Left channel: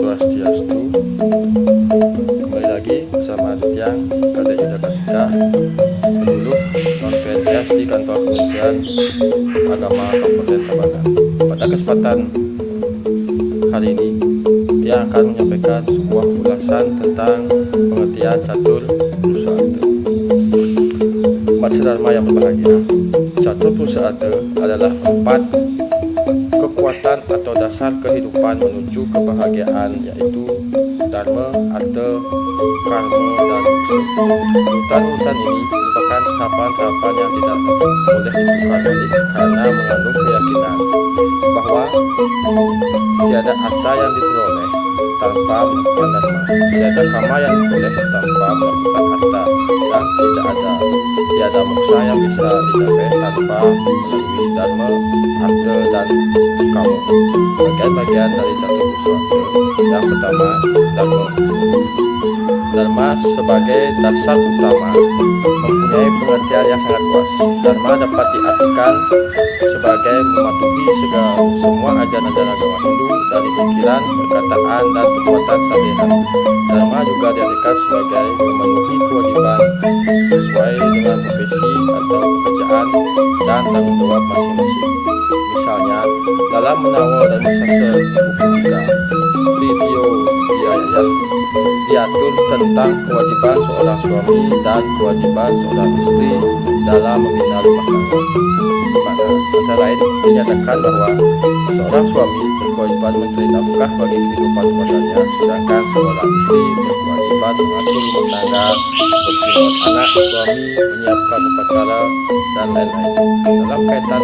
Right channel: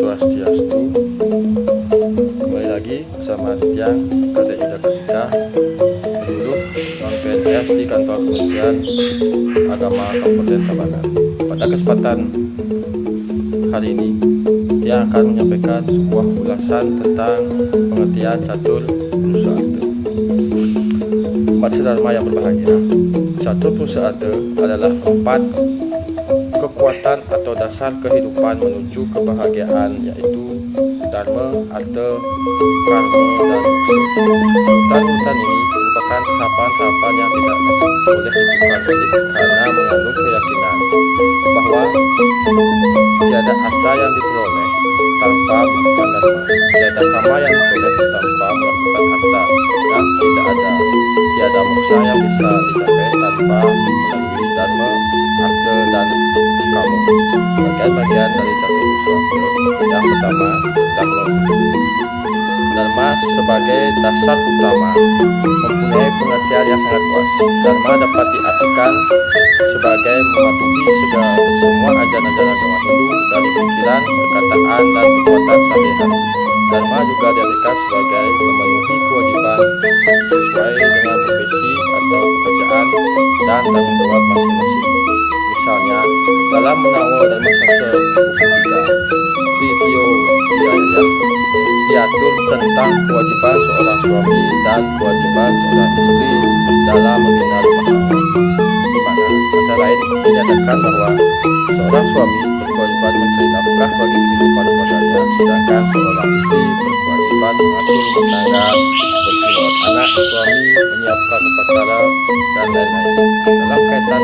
Swastiastu. Kembali lagi bersama Tiang Kadek Yuda Kasida, penduduk non-PNS di kantor Kementerian Agama Kabupaten Tabanan. Pada kesempatan hari ini, dia akan menyampaikan sebuah ulasan tentang pengertian catur pusaka. Umat sedharma yang berbahagia, catur pusaka adalah 4 kekuatan atau dasar kehidupan menuju kebahagiaan, yaitu dharma, artha, karma, dan moksa. Urutan-urutan ini merupakan tahapan-tahapan yang tidak boleh ditukar balik karena mengandung keyakinan bahwa tiada artha yang diperoleh tanpa melakukan dharma, tiada karma yang diperoleh tanpa melakukan artha, dan tiada moksa yang bisa dicapai tanpa melalui dharma, artha, dan karma. Bagian-bagian dari catur pusaka. Yang pertama, dharma. Dharma sebagai dasar utama mempunyai pengertian yang sangat luas. Dharma dapat diartikan sebagai mematuhi semua ajaran-ajaran agama Hindu dari pikiran, perkataan, dan perbuatan sehari-hari. Dharma juga diartikan sebagai memenuhi kewajiban sesuai dengan profesi atau pekerjaan dan tanggung jawab masing-masing. Misalnya, dalam menawar dan sastra buku 3, Tritio Jaya, diatur tentang kewajiban seorang suami dan kewajiban seorang istri dalam membina rumah tangga, di mana antara lain dinyatakan bahwa seorang suami berkewajiban mencari nafkah bagi kehidupan keluarganya, sedangkan seorang istri berkewajiban mengatur rumah tangga, merawat anak suami, menyiapkan upacara, dan lain-lain. Dalam kaitan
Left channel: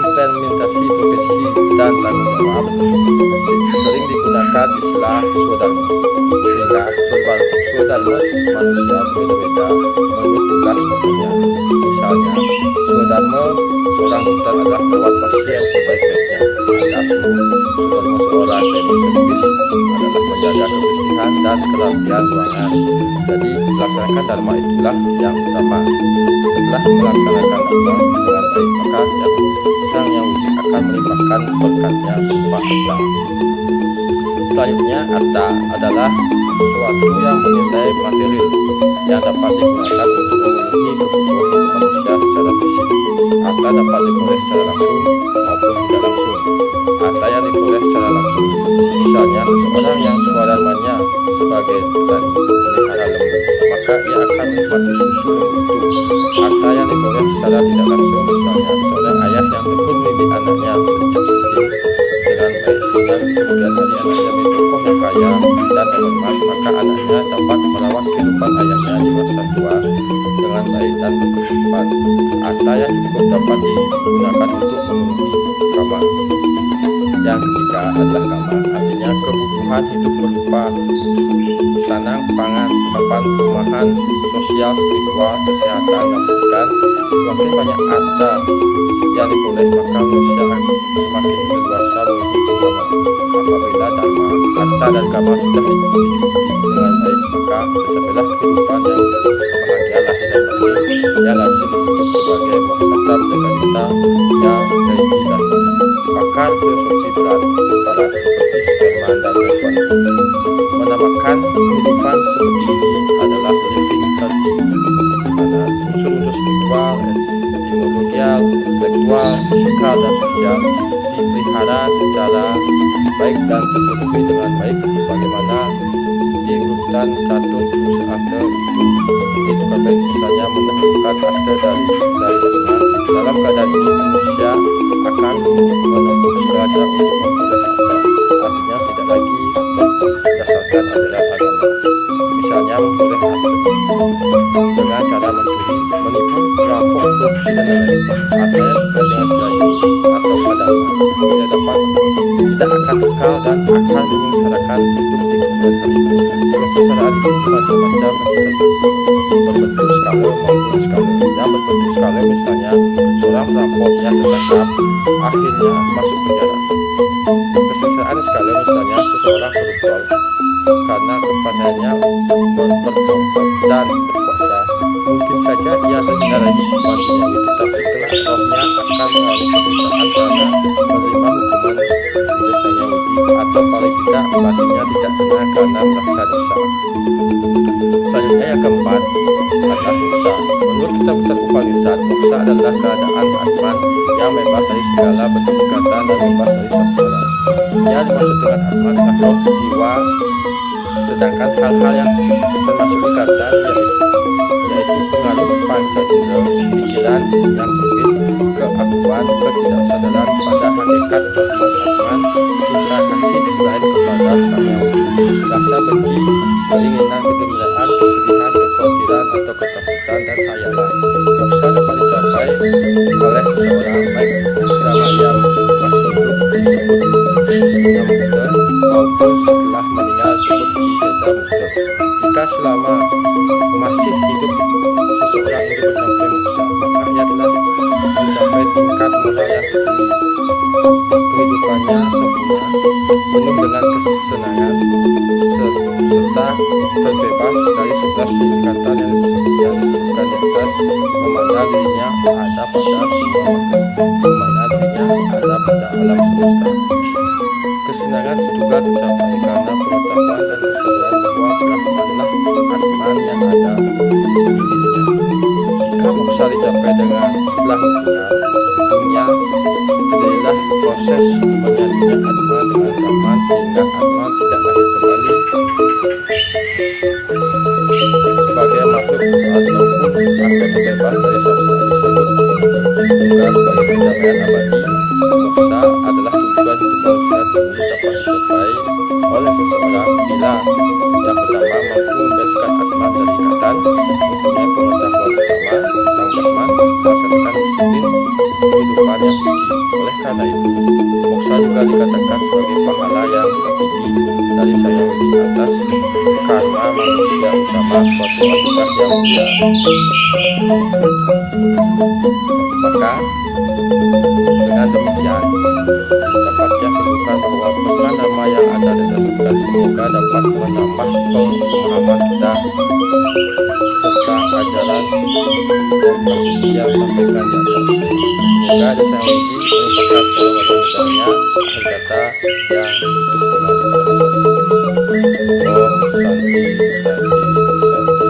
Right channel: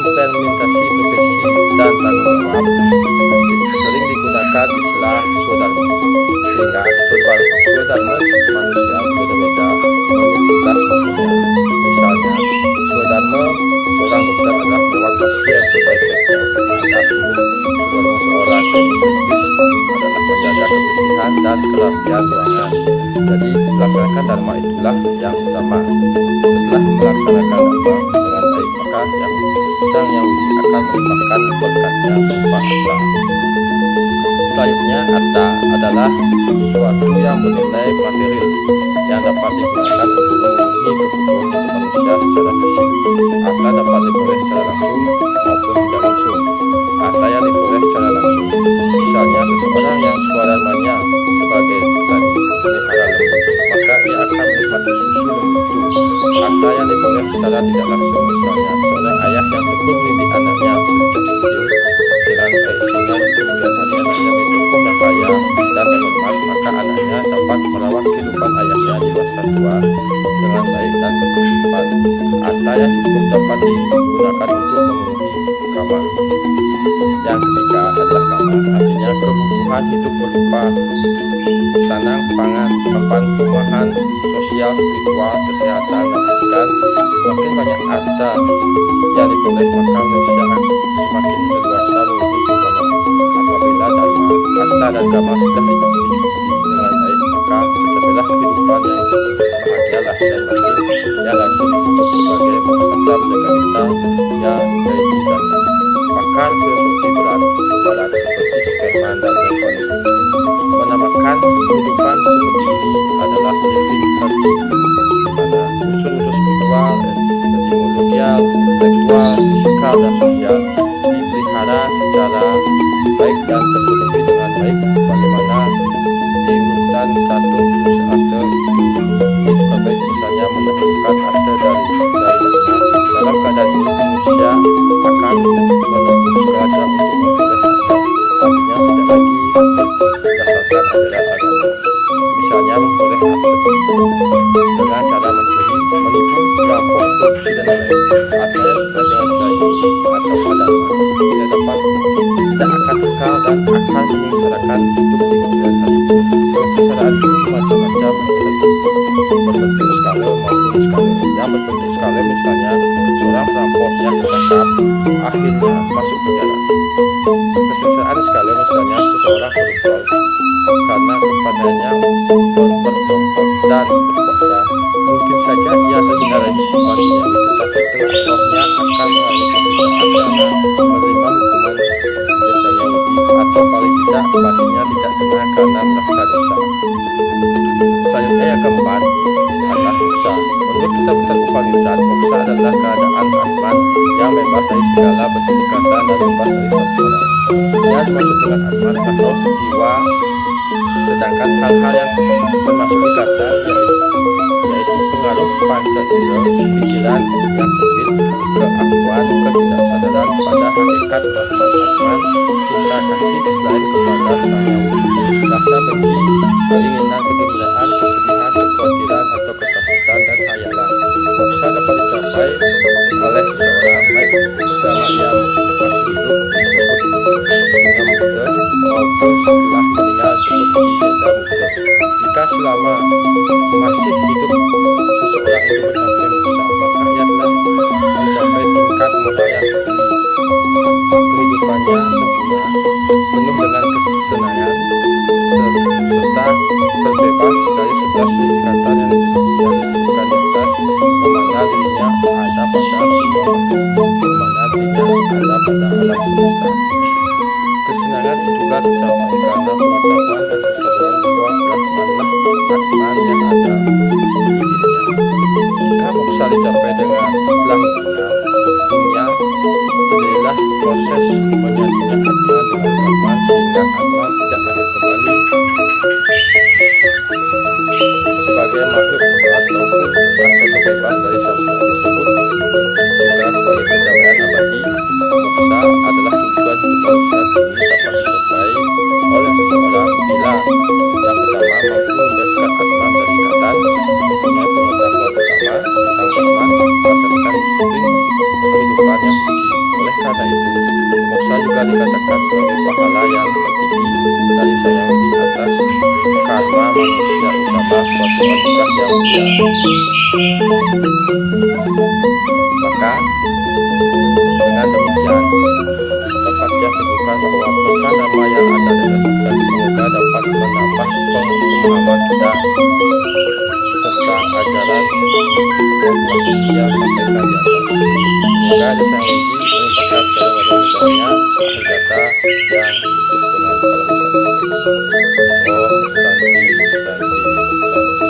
implementasi profesi dan tanggung jawab, sering digunakan istilah swadharma, sehingga swadharma manusia berbeda-beda menurut tugas pokoknya. Misalnya, swadharma seorang dokter adalah merawat pasien sebaik-baiknya. Adapun swadharma seorang teknis adalah menjaga kebersihan dan kerapian ruangan. Jadi, melaksanakan dharma itulah yang utama. Setelah melaksanakan dharma dengan baik, maka Sang Yang Widi akan melimpahkan berkatnya berupa artha. Selanjutnya, artha adalah sesuatu yang bernilai material yang dapat digunakan untuk memenuhi kebutuhan hidup manusia secara fisik. Artha dapat diperoleh secara langsung maupun tidak langsung. Artha yang diperoleh secara langsung, misalnya seseorang yang swadharmanya sebagai petani melihara lembu, maka ia akan menikmati susu lembu itu. Artha yang diperoleh secara tidak langsung, misalnya seorang ayah yang tekun mendidik anaknya sejak kecil dengan baik, sehingga di kemudian hari anaknya menjadi tokoh yang kaya dan terhormat, maka anaknya dapat merawat kehidupan ayahnya di masa tua dengan baik dan berkecukupan. Artha yang cukup dapat digunakan untuk memenuhi kama. Yang ketiga adalah kama, artinya kebutuhan hidup berupa sanang, pangan, papan, perumahan, sosial, spiritual, kesehatan, dan pendidikan. Semakin banyak artha yang diperoleh, maka manusia semakin leluasa memenuhi kama. Apabila dharma, artha, dan kama sudah dicukupi dengan baik, maka tercapailah kehidupan yang bahagia, lahir dan batin, yang lazim disebut sebagai moksasa jagadita, ya yaitu dharma. Pakar filosofi barat seperti Sperman dan Bacon menamakan kehidupan seperti ini adalah living virtue, di mana unsur-unsur spiritual, etimologial, intelektual, fisikal, dan sosial dipelihara secara baik dan terpenuhi dengan baik, bagaimana diurutkan catur pusaka itu ditukar baik. Misalnya, mendahulukan artha dari dharma. Dalam keadaan ini, manusia akan menempuh segala cara untuk memperoleh artha, artinya tidak lagi berdasarkan ajaran agama. Misalnya, memperoleh artha dengan cara mencuri, menipu, merampok, korupsi, dan lain-lain. Artinya dengan cara ini atau dharma tidak akan kekal dan akan menyengsarakan hidup di kemudian hari. Kesengsaraan itu macam-macam, berbentuk skala maupun skala. Yang berbentuk skala misalnya seorang perampok yang tertangkap akhirnya masuk penjara. Kesengsaraan skala misalnya seseorang koruptor karena kepadanya berkelompok dan berkuasa, mungkin saja ia menjalani hukuman duniawi, tetapi kelak roh setelahnya akan mengalami penderitaan karena menerima hukuman jasanya Yahudi, atau paling tidak batinnya tidak tenang karena merasa dosa. Selanjutnya yang keempat adalah moksa. Menurut kitab Upanishad, moksa adalah keadaan atman yang bebas dari segala bentuk ikatan dan bebas dari samsara. Yang dimaksud dengan atman adalah roh, jiwa, sedangkan hal-hal yang termasuk ikatan yaitu pengaruh panca indera, pikiran yang sempit, keakuan, ketidaksadaran pada hakikat Brahman, cinta kasih selain kepada Sang Yang Widi, rasa benci, keinginan, kegembiraan, kesedihan, kekhawatiran atau ketakutan dan khayalan. Moksa dapat dicapai oleh seseorang baik selama ia masih hidup disebut Buddha Mukta, maupun setelah meninggal disebut Siddha Mukta. Jika selama masih hidup seseorang itu mencapai moksa, maka ia telah mencapai tingkat moral yang tertinggi. Kehidupannya sempurna, penuh dengan kesenangan, serta terbebas dari 11 ikatan yang disebutkan di atas, memandang dirinya ada pada semua makhluk, memandang dirinya ada pada alam semesta. Kesenangan juga tercapai karena pengetahuan dan kesadaran bahwa Brahmanlah Atman yang ada di dirinya. Jika moksa dicapai dengan setelah meninggal dunia, terjadilah proses menyatunya Atman dengan Brahman sehingga Atman tidak lahir kembali sebagai makhluk ataupun terbebas dari samsara. Disebut juga sebagai pencapaian abadi. Moksa adalah tujuan hidup manusia ini dapat dicapai oleh seseorang bila yang pertama mampu membebaskan Atman dari ikatan, mempunyai pengetahuan pertama tentang Brahman, melaksanakan disiplin kehidupan yang suci. Oleh karena itu, moksa juga dikatakan sebagai pahala yang tertinggi dari Sang Yang Widi atas karma manusia utama suatu anugerah yang mulia. Maka dengan demikian dapat disimpulkan bahwa pesan Dhamma yang ada di dalam dan semoga dapat menambah pemahaman kita tentang ajaran yang telah sampaikan di atas. Semoga ada Sang Yang Widi melimpahkan segala wajah-wajahnya akhir kata yang berhubungan pada masa tersebut. Om Santi Santi Santi.